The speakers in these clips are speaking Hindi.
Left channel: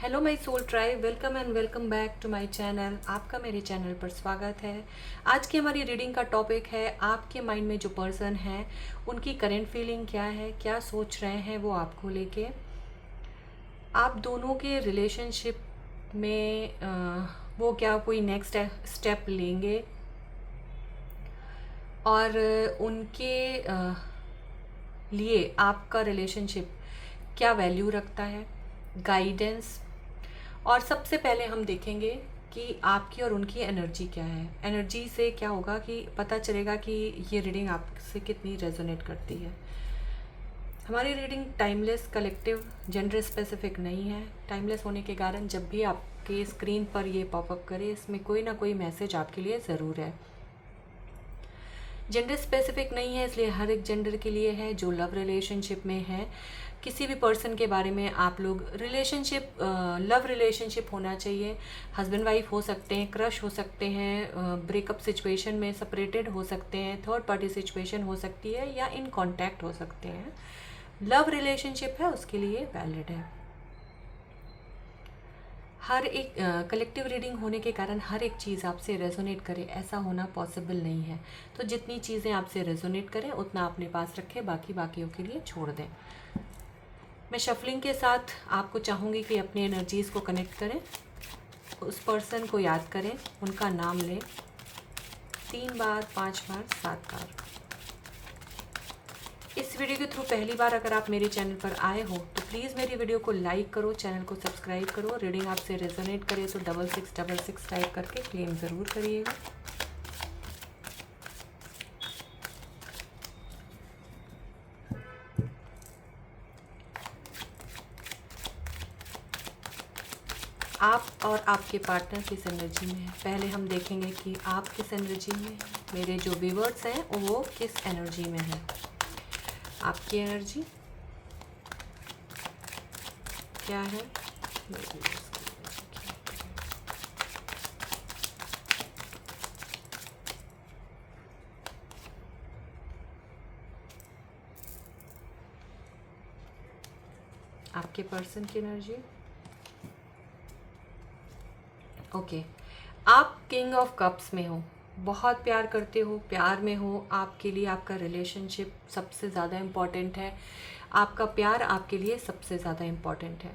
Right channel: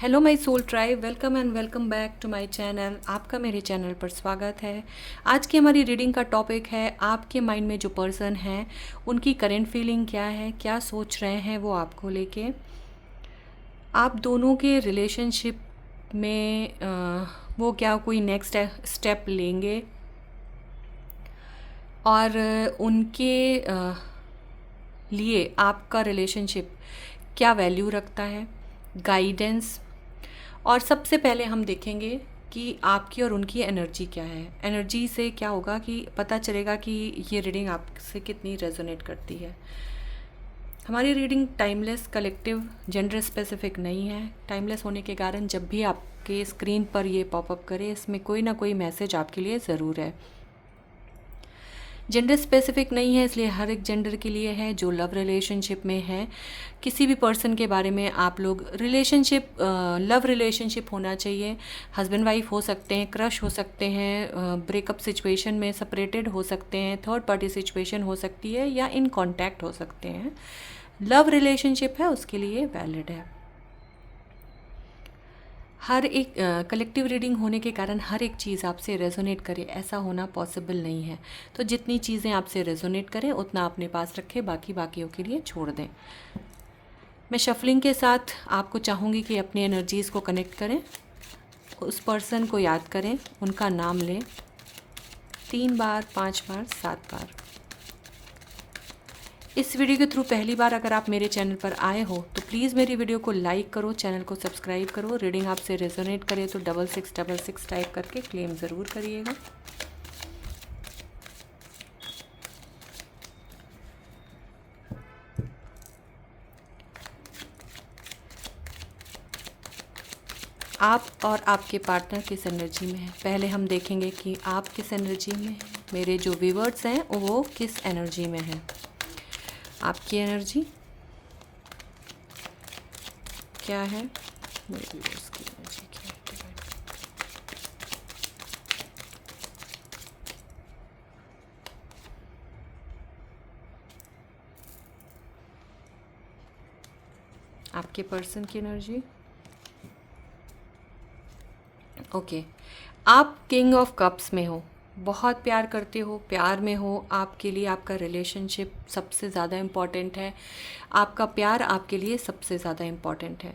Hello my soul tribe, welcome and welcome back to my channel. आपका मेरे चैनल पर स्वागत है। आज की हमारी रीडिंग का टॉपिक है आपके माइंड में जो पर्सन है उनकी करंट फीलिंग क्या है, क्या सोच रहे हैं वो आपको लेके। आप दोनों के रिलेशनशिप में वो क्या कोई नेक्स्ट स्टेप लेंगे और उनके लिए आपका रिलेशनशिप क्या वैल्यू रखता है, गाइडेंस। और सबसे पहले हम देखेंगे कि आपकी और उनकी एनर्जी क्या है। एनर्जी से क्या होगा कि पता चलेगा कि ये रीडिंग आपसे कितनी रेजोनेट करती है। हमारी reading timeless, collective, gender specific नहीं है। टाइमलेस होने के कारण जब भी आपके स्क्रीन पर ये पॉपअप करे, इसमें कोई ना कोई मैसेज आपके लिए ज़रूर है। जेंडर स्पेसिफिक नहीं है, इसलिए हर एक जेंडर के लिए है जो लव रिलेशनशिप में है। किसी भी पर्सन के बारे में आप लोग रिलेशनशिप, लव रिलेशनशिप होना चाहिए। हस्बैंड वाइफ हो सकते हैं, क्रश हो सकते हैं, ब्रेकअप सिचुएशन में सेपरेटेड हो सकते हैं, थर्ड पार्टी सिचुएशन हो सकती है, या इन कांटेक्ट हो सकते हैं। लव रिलेशनशिप है उसके लिए वैलिड है। हर एक कलेक्टिव रीडिंग होने के कारण हर एक चीज़ आपसे रेजोनेट करे ऐसा होना पॉसिबल नहीं है। तो जितनी चीज़ें आपसे रेजोनेट करें उतना अपने पास रखें, बाकियों के लिए छोड़ दें। मैं शफलिंग के साथ आपको चाहूँगी कि अपनी एनर्जीज़ को कनेक्ट करें, उस पर्सन को याद करें, उनका नाम लें 3 बार, 5 बार, 7 बार। इस वीडियो के थ्रू पहली बार अगर आप मेरे चैनल पर आए हो तो प्लीज़ मेरी वीडियो को लाइक करो, चैनल को सब्सक्राइब करो। रीडिंग आपसे रेजोनेट करे तो 6666 टाइप करके क्लेम ज़रूर करिएगा। आप और आपके पार्टनर किस एनर्जी में है, पहले हम देखेंगे कि आप किस एनर्जी में, मेरे जो व्यूअर्स हैं वो किस एनर्जी में हैं। आपकी एनर्जी क्या है, मेरे व्यूअर्स की एनर्जी क्या है। आपके पर्सन की एनर्जी ओके। आप किंग ऑफ कप्स में हो, बहुत प्यार करते हो, प्यार में हो। आपके लिए आपका रिलेशनशिप सबसे ज़्यादा इम्पॉर्टेंट है, आपका प्यार आपके लिए सबसे ज़्यादा इम्पॉर्टेंट है।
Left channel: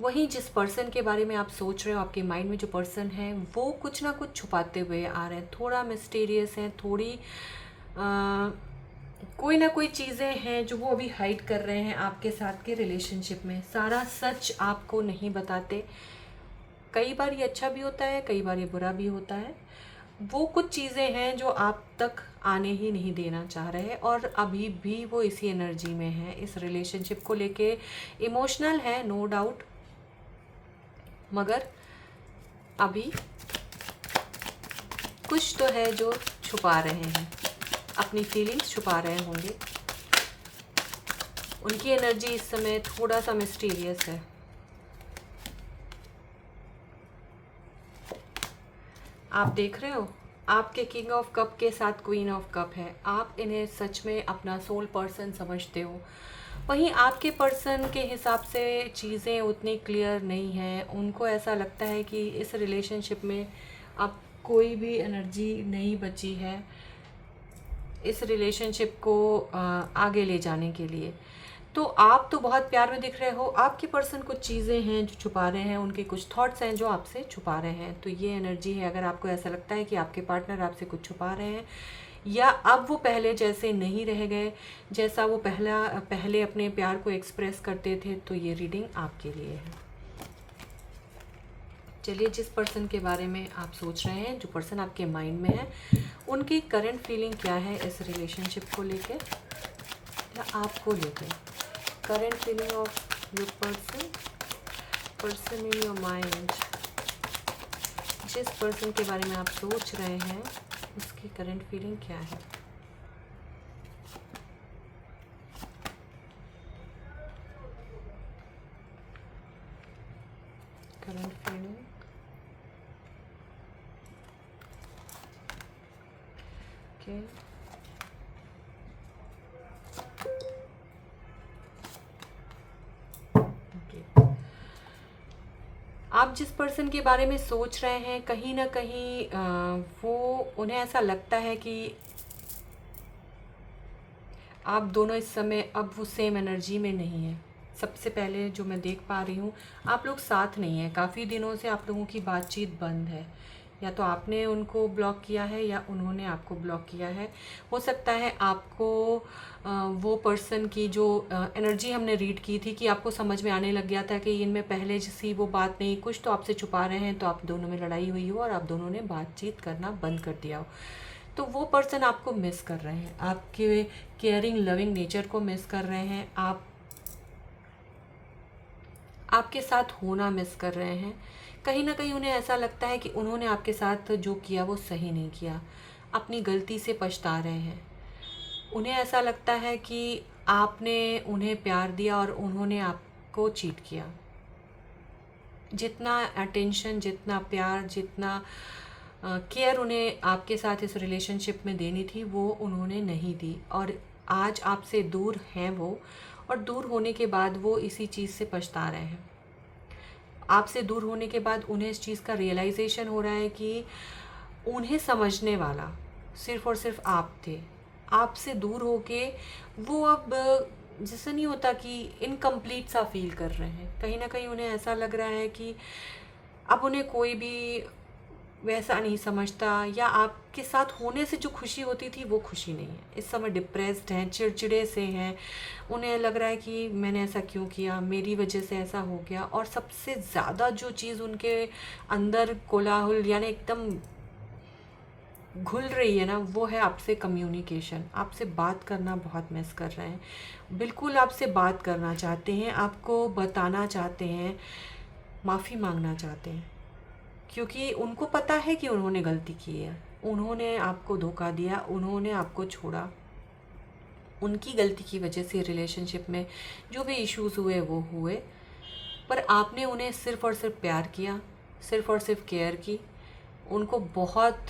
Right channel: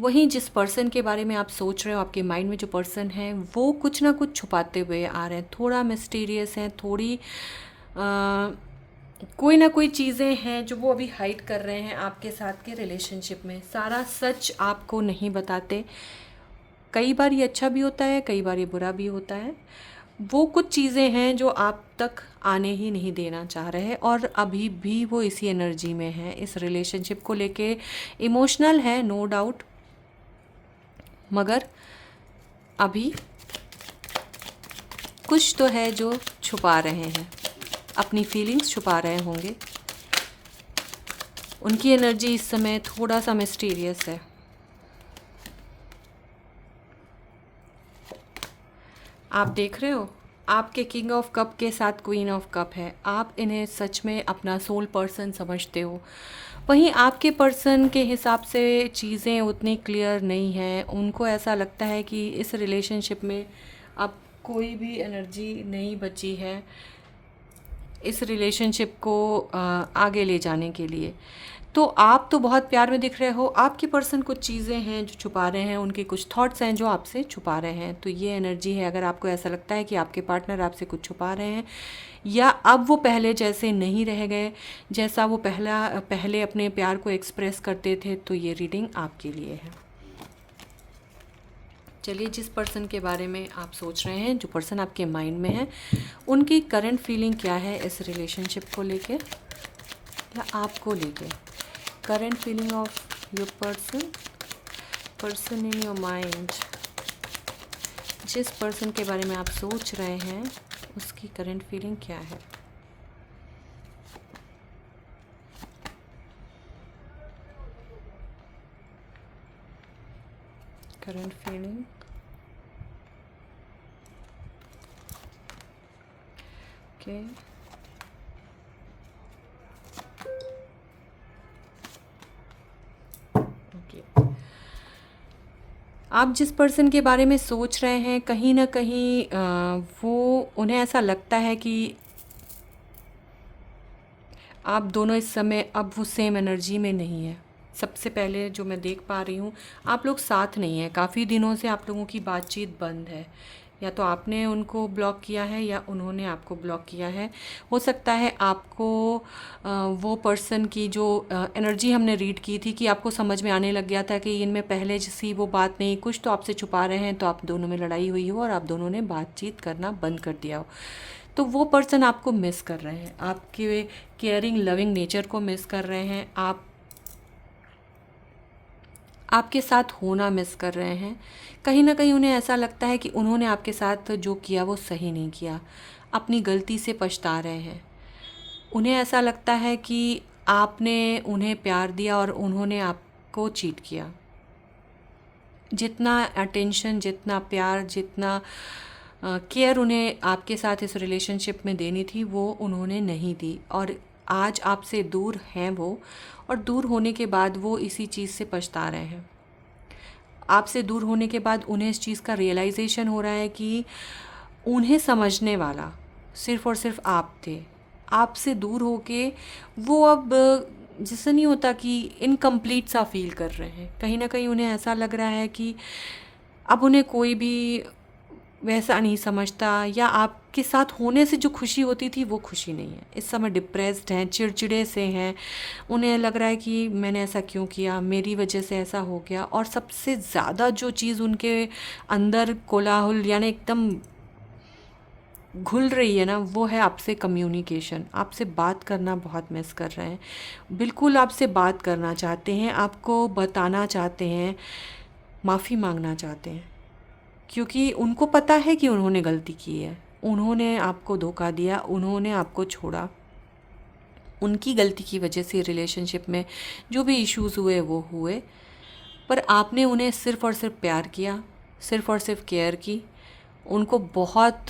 वहीं जिस पर्सन के बारे में आप सोच रहे हो, आपके माइंड में जो पर्सन है वो कुछ ना कुछ छुपाते हुए आ रहे हैं, थोड़ा मिस्टीरियस है, थोड़ी कोई ना कोई चीज़ें हैं जो वो अभी हाइड कर रहे हैं आपके साथ के रिलेशनशिप में। सारा सच आपको नहीं बताते। कई बार ये अच्छा भी होता है, कई बार ये बुरा भी होता है। वो कुछ चीज़ें हैं जो आप तक आने ही नहीं देना चाह रहे हैं और अभी भी वो इसी एनर्जी में है, इस रिलेशनशिप को लेके इमोशनल है, नो डाउट। मगर अभी कुछ तो है जो छुपा रहे हैं, अपनी फीलिंग्स छुपा रहे होंगे। उनकी एनर्जी इस समय थोड़ा सा मिस्टीरियस है। आप देख रहे हो, आपके किंग ऑफ कप के साथ क्वीन ऑफ कप है। आप इन्हें सच में अपना सोल पर्सन समझते हो। वहीं आपके पर्सन के हिसाब से चीज़ें उतनी क्लियर नहीं हैं। उनको ऐसा लगता है कि इस रिलेशनशिप में अब कोई भी एनर्जी नहीं बची है इस रिलेशनशिप को आगे ले जाने के लिए। तो आप तो बहुत प्यार में दिख रहे हो, आपके पर्सन कुछ चीज़ें हैं जो छुपा रहे हैं, उनके कुछ थॉट्स हैं जो आपसे छुपा रहे हैं। तो ये एनर्जी है। अगर आपको ऐसा लगता है कि आपके पार्टनर आपसे कुछ छुपा रहे हैं या अब वो पहले जैसे नहीं रह गए, जैसा वो पहले अपने प्यार को एक्सप्रेस करते थे, तो ये रीडिंग आपके लिए है। चलिए, जिस पर्सन के बारे में आप सोच रहे हैं, जो पर्सन आपके माइंड में है, उनकी करंट फीलिंग क्या है इस रिलेशनशिप को लेके या आपको लेके। Current feeling of your person in your mind. जिस पर्सन के बारे में आप सोच रहे हैं उसकी करंट फीलिंग क्या है। Current feeling okay. ओके, आप जिस पर्सन के बारे में सोच रहे हैं कहीं ना कहीं वो उन्हें ऐसा लगता है कि आप दोनों इस समय अब वो सेम एनर्जी में नहीं है। सबसे पहले जो मैं देख पा रही हूँ, आप लोग साथ नहीं हैं। काफ़ी दिनों से आप लोगों की बातचीत बंद है। या तो आपने उनको ब्लॉक किया है या उन्होंने आपको ब्लॉक किया है। हो सकता है आपको वो पर्सन की जो एनर्जी हमने रीड की थी कि आपको समझ में आने लग गया था कि इनमें पहले जैसी वो बात नहीं, कुछ तो आपसे छुपा रहे हैं, तो आप दोनों में लड़ाई हुई हो और आप दोनों ने बातचीत करना बंद कर दिया हो। तो वो पर्सन आपको मिस कर रहे हैं, आपके केयरिंग लविंग नेचर को मिस कर रहे हैं, आपके साथ होना मिस कर रहे हैं। कहीं ना कहीं उन्हें ऐसा लगता है कि उन्होंने आपके साथ जो किया वो सही नहीं किया, अपनी गलती से पछता रहे हैं। उन्हें ऐसा लगता है कि आपने उन्हें प्यार दिया और उन्होंने आपको चीट किया। जितना अटेंशन, जितना प्यार, जितना केयर उन्हें आपके साथ इस रिलेशनशिप में देनी थी वो उन्होंने नहीं दी, और आज आपसे दूर हैं वो। और दूर होने के बाद वो इसी चीज़ से पछता रहे हैं। आपसे दूर होने के बाद उन्हें इस चीज़ का रियलाइजेशन हो रहा है कि उन्हें समझने वाला सिर्फ़ और सिर्फ आप थे। आपसे दूर होके वो अब जैसे नहीं होता कि इनकम्प्लीट सा फील कर रहे हैं। कहीं ना कहीं उन्हें ऐसा लग रहा है कि अब उन्हें कोई भी वैसा नहीं समझता, या आपके साथ होने से जो खुशी होती थी वो खुशी नहीं है। इस समय डिप्रेस्ड हैं, चिड़चिड़े से हैं। उन्हें लग रहा है कि मैंने ऐसा क्यों किया, मेरी वजह से ऐसा हो गया। और सबसे ज़्यादा जो चीज़ उनके अंदर कोलाहल यानी एकदम घुल रही है ना, वो है आपसे कम्युनिकेशन। आपसे बात करना बहुत मिस कर रहे हैं। बिल्कुल आपसे बात करना चाहते हैं, आपको बताना चाहते हैं, माफ़ी मांगना चाहते हैं, क्योंकि उनको पता है कि उन्होंने गलती की है। उन्होंने आपको धोखा दिया, उन्होंने आपको छोड़ा। उनकी गलती की वजह से रिलेशनशिप में जो भी इश्यूज़ हुए वो हुए, पर आपने उन्हें सिर्फ़ और सिर्फ प्यार किया, सिर्फ़ और सिर्फ केयर की, उनको बहुत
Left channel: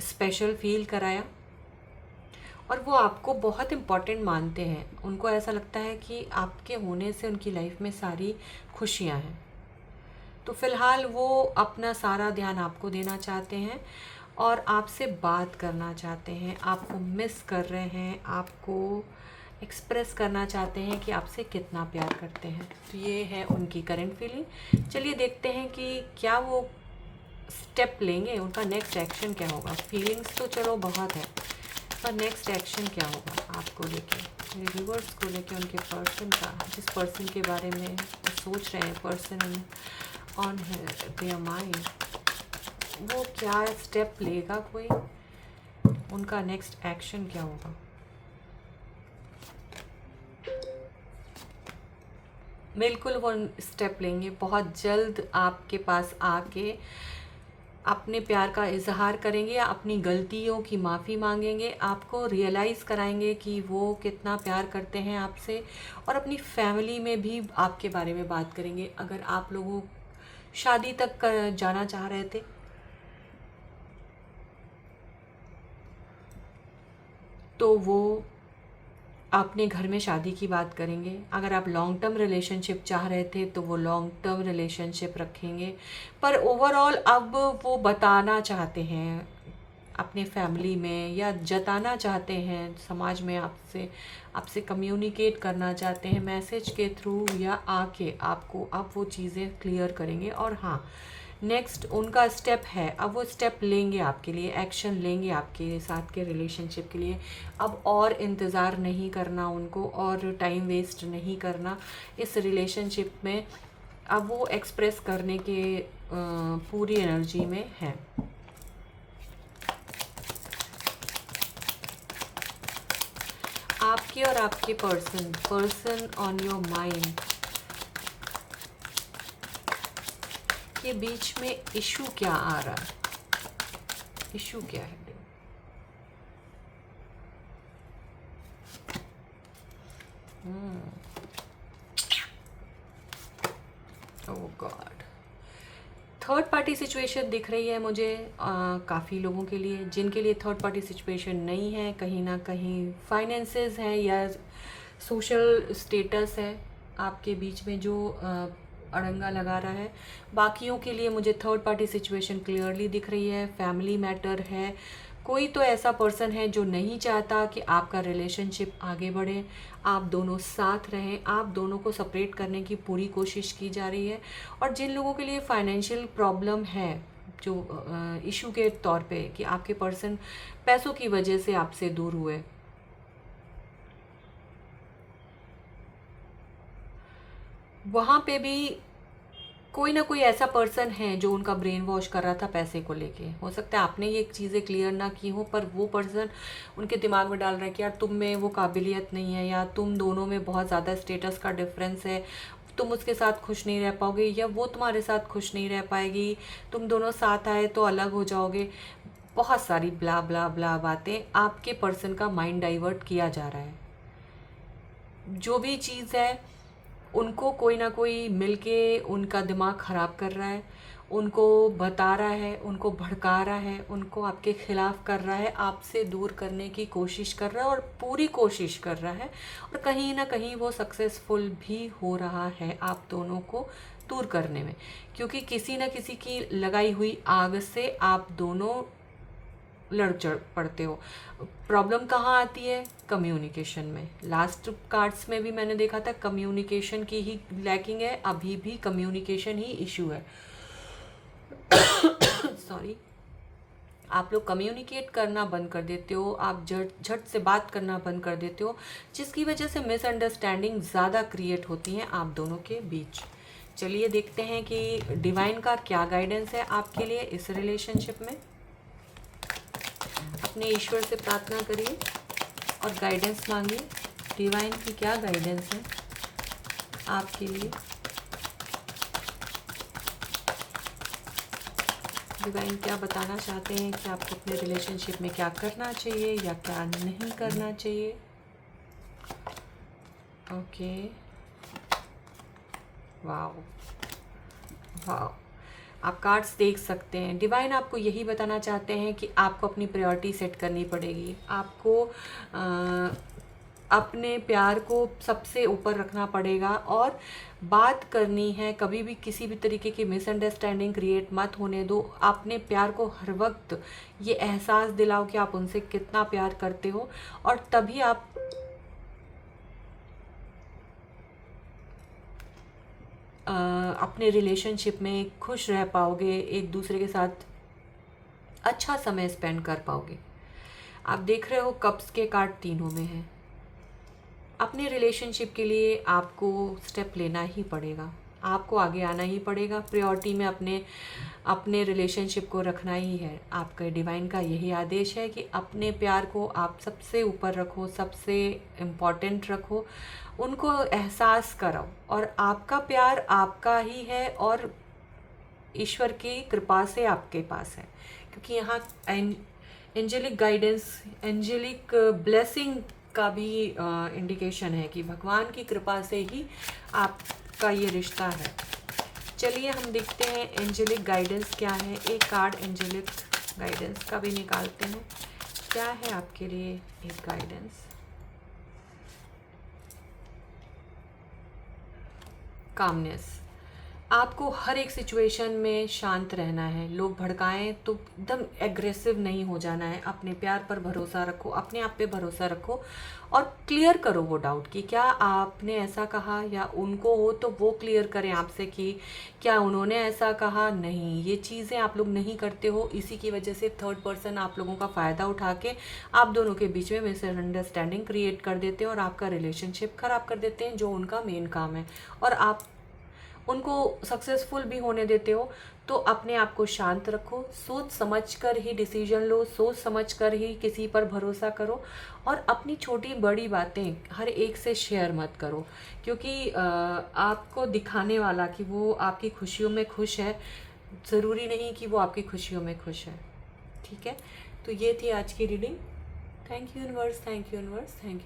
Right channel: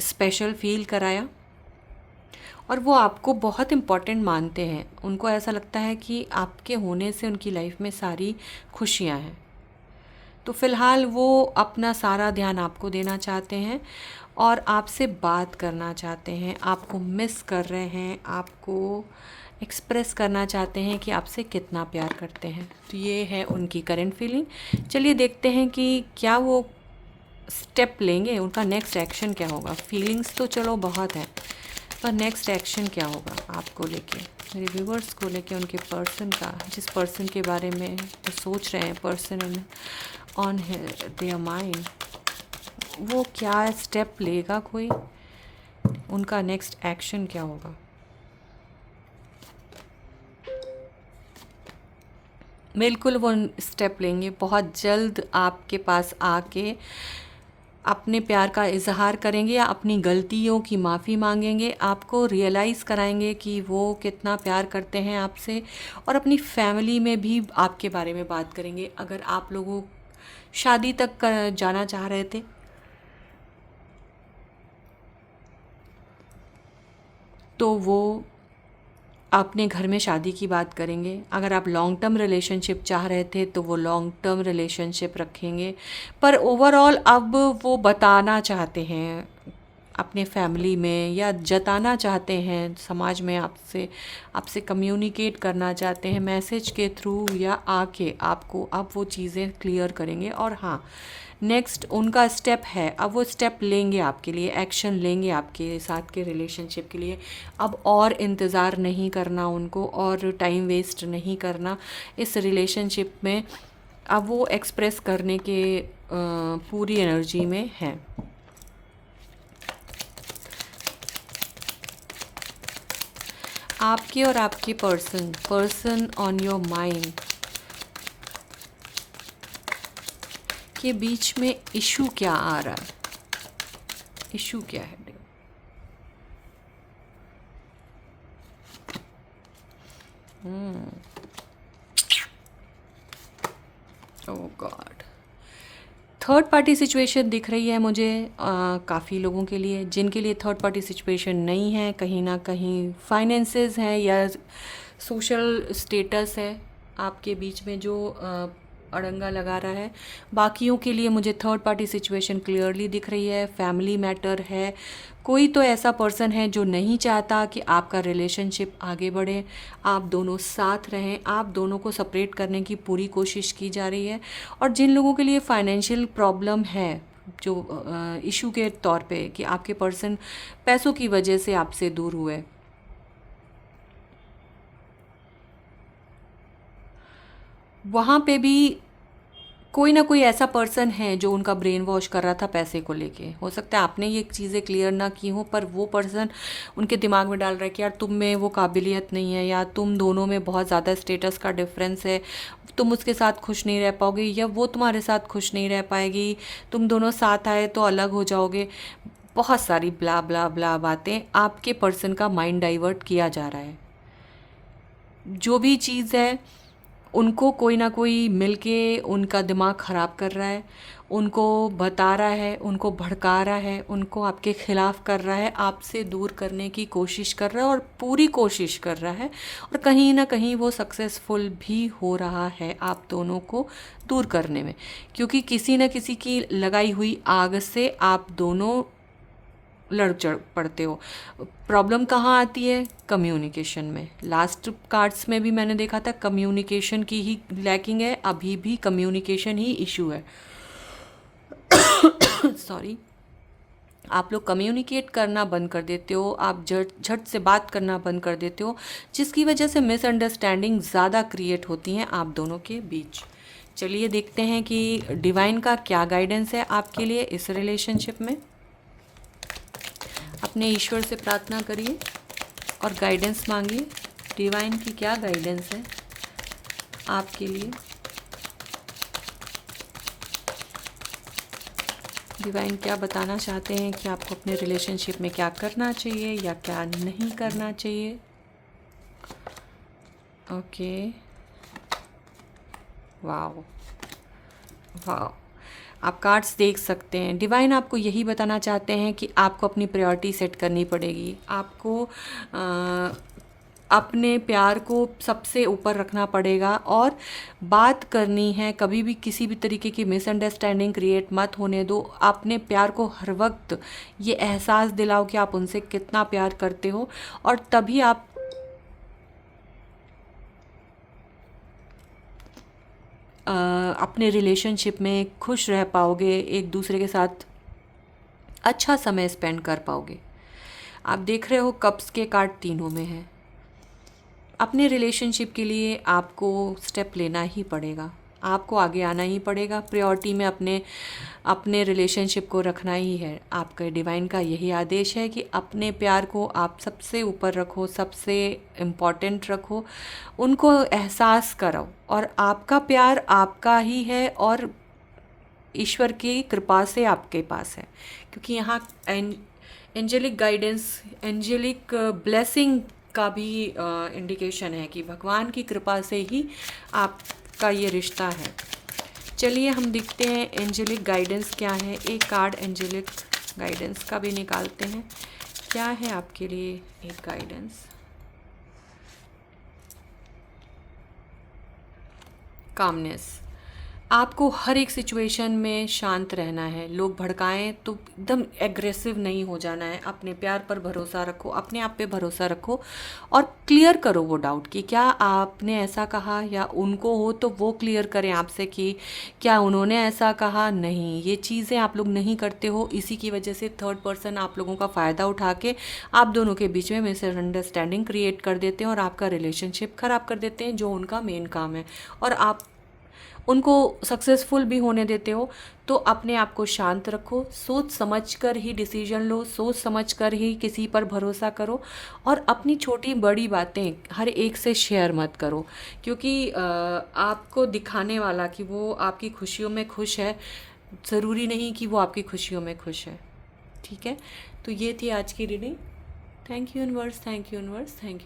स्पेशल फील कराया, और वो आपको बहुत इम्पॉर्टेंट मानते हैं। उनको ऐसा लगता है कि आपके होने से उनकी लाइफ में सारी खुशियाँ हैं। तो फ़िलहाल वो अपना सारा ध्यान आपको देना चाहते हैं और आपसे बात करना चाहते हैं, आपको मिस कर रहे हैं, आपको एक्सप्रेस करना चाहते हैं कि आपसे कितना प्यार करते हैं। तो ये है उनकी करंट फीलिंग। चलिए देखते हैं कि क्या वो स्टेप लेंगे, उनका नेक्स्ट एक्शन क्या होगा। फीलिंग्स तो चलो बहुत है, पर नेक्स्ट एक्शन क्या होगा आपको लेके, मेरे व्यूवर्स को लेके, उनके पर्सन का, जिस पर्सन के बारे में वो सोच रहे हैं, पर्सन ऑन देयर माइंड, वो क्या स्टेप लेगा, कोई उनका नेक्स्ट एक्शन क्या होगा। बिल्कुल वो स्टेप लेंगे, बहुत जल्द आपके पास आके अपने प्यार का इजहार करेंगे या अपनी गलतियों की माफ़ी मांगेंगे, आपको रियलाइज़ कराएंगे कि वो कितना प्यार करते हैं आपसे। और अपनी फैमिली में भी आपके बारे में बात करेंगे। अगर आप लोगों शादी तक जाना चाह रहे थे तो वो अपने घर में शादी की बात करेंगे। अगर आप लॉन्ग टर्म रिलेशनशिप चाह रहे थे तो वो लॉन्ग टर्म रिलेशनशिप रखेंगे। पर ओवरऑल अब वो बताना चाहते हैं अपने फैमिली में, या जताना चाहते हैं समाज में, आपसे आपसे कम्युनिकेट करना चाहते हैं मैसेज के थ्रू या आके आपको अब वो चीज़ें क्लियर करेंगे। और हाँ, नेक्स्ट उनका स्टेप है, अब वो स्टेप लेंगे आपके लिए, एक्शन लेंगे आपके साथ के रिलेशनशिप के लिए। अब और इंतज़ार नहीं करना उनको, और टाइम वेस्ट नहीं करना इस रिलेशनशिप में। अब वो एक्सप्रेस करने के पूरी एनर्जी में हैं। आपके और आपके पर्सन ऑन योर माइंड के बीच में इशू क्या आ रहा है, इशू क्या है। ओह गॉड, थर्ड पार्टी सिचुएशन दिख रही है मुझे काफ़ी लोगों के लिए। जिनके लिए थर्ड पार्टी सिचुएशन नहीं है, कहीं ना कहीं फाइनेंसेस हैं या सोशल स्टेटस है आपके बीच में जो अड़ंगा लगा रहा है। बाकियों के लिए मुझे थर्ड पार्टी सिचुएशन क्लियरली दिख रही है, फैमिली मैटर है। कोई तो ऐसा पर्सन है जो नहीं चाहता कि आपका रिलेशनशिप आगे बढ़े, आप दोनों साथ रहें, आप दोनों को सेपरेट करने की पूरी कोशिश की जा रही है। और जिन लोगों के लिए फाइनेंशियल प्रॉब्लम है, जो इशू के तौर पे कि आपके पर्सन पैसों की वजह से आपसे दूर हुए, वहाँ पे भी कोई ना कोई ऐसा पर्सन है जो उनका ब्रेन वॉश कर रहा था पैसे को लेके। हो सकता है आपने ये चीज़ें क्लियर ना की हो, पर वो पर्सन उनके दिमाग में डाल रहा है कि यार तुम में वो काबिलियत नहीं है, या तुम दोनों में बहुत ज़्यादा स्टेटस का डिफरेंस है, तुम उसके साथ खुश नहीं रह पाओगे, या वो तुम्हारे साथ खुश नहीं रह पाएगी, तुम दोनों साथ आए तो अलग हो जाओगे। बहुत सारी ब्ला ब्ला ब्ला बातें आपके पर्सन का माइंड डाइवर्ट किया जा रहा है। जो भी चीज़ है, उनको कोई ना कोई मिलके उनका दिमाग ख़राब कर रहा है, उनको बता रहा है, उनको भड़का रहा है, उनको आपके ख़िलाफ़ कर रहा है, आपसे दूर करने की कोशिश कर रहा है, और पूरी कोशिश कर रहा है। और कहीं ना कहीं वो सक्सेसफुल भी हो रहा है आप दोनों को दूर करने में, क्योंकि किसी न किसी की लगाई हुई आग से आप दोनों लड़ चढ़ पड़ते हो। प्रॉब्लम कहाँ आती है? कम्युनिकेशन में। लास्ट कार्ड्स में भी मैंने देखा था कम्युनिकेशन की ही लैकिंग है, अभी भी कम्युनिकेशन ही इशू है। सॉरी। आप लोग कम्युनिकेट करना बंद कर देते हो, आप झट से बात करना बंद कर देते हो, जिसकी वजह से मिसअंडरस्टैंडिंग ज़्यादा क्रिएट होती हैं आप दोनों के बीच। चलिए देखते हैं कि डिवाइन का क्या गाइडेंस है आपके लिए इस रिलेशनशिप में। अपने ईश्वर से प्रार्थना करिए और गाइडेंस मांगिए। डिवाइन की क्या गाइडेंस है आपके लिए? डिवाइन क्या बताना चाहते हैं कि आपको अपने रिलेशनशिप में क्या करना चाहिए या क्या नहीं करना चाहिए? ओके, वाओ वाओ, आप कार्ड्स देख सकते हैं। डिवाइन आपको यही बताना चाहते हैं कि आपको अपनी प्रायोरिटी सेट करनी पड़ेगी। आपको अपने प्यार को सबसे ऊपर रखना पड़ेगा, और बात करनी है। कभी भी किसी भी तरीके की मिसअंडरस्टैंडिंग क्रिएट मत होने दो। अपने प्यार को हर वक्त ये एहसास दिलाओ कि आप उनसे कितना प्यार करते हो, और तभी आप अपने रिलेशनशिप में खुश रह पाओगे, एक दूसरे के साथ अच्छा समय स्पेंड कर पाओगे। आप देख रहे हो कप्स के कार्ड तीनों में है। अपने रिलेशनशिप के लिए आपको स्टेप लेना ही पड़ेगा, आपको आगे आना ही पड़ेगा। प्रायोरिटी में अपने अपने रिलेशनशिप को रखना ही है। आपका डिवाइन का यही आदेश है कि अपने प्यार को आप सबसे ऊपर रखो, सबसे इम्पॉर्टेंट रखो, उनको एहसास कराओ। और आपका प्यार आपका ही है, और ईश्वर की कृपा से आपके पास है, क्योंकि यहाँ एंजेलिक गाइडेंस, एंजेलिक ब्लेसिंग का भी इंडिकेशन है कि भगवान की कृपा से ही आपका ये रिश्ता है। चलिए हम देखते हैं एंजेलिक गाइडेंस क्या है। एक कार्ड एंजेलिक गाइडेंस का भी निकालते हैं। क्या है आपके लिए एक गाइडेंस? कामनेस। आपको हर एक सिचुएशन में शांत रहना है। लोग भड़काएं तो एकदम एग्रेसिव नहीं हो जाना है। अपने प्यार पर भरोसा रखो, अपने आप पे भरोसा रखो, और क्लियर करो वो डाउट कि क्या आपने ऐसा कहा, या उनको हो तो वो क्लियर करें आपसे कि क्या उन्होंने ऐसा कहा। नहीं, ये चीज़ें आप लोग नहीं करते हो। इसी की वजह से थर्ड पर्सन आप लोगों का फ़ायदा उठा के आप दोनों के बीच में मिसअंडरस्टैंडिंग क्रिएट कर देते हैं, और आपका रिलेशनशिप ख़राब कर देते हैं, जो उनका मेन काम है। और आप उनको सक्सेसफुल भी होने देते हो। तो अपने आप को शांत रखो, सोच समझ कर ही डिसीजन लो, सोच समझ कर ही किसी पर भरोसा करो, और अपनी छोटी बड़ी बातें हर एक से शेयर मत करो, क्योंकि आपको दिखाने वाला कि वो आपकी खुशियों में खुश है, ज़रूरी नहीं कि वो आपकी खुशियों में खुश है। ठीक है, तो ये थी आज की reading. Thank you universe, thank you universe, thank you.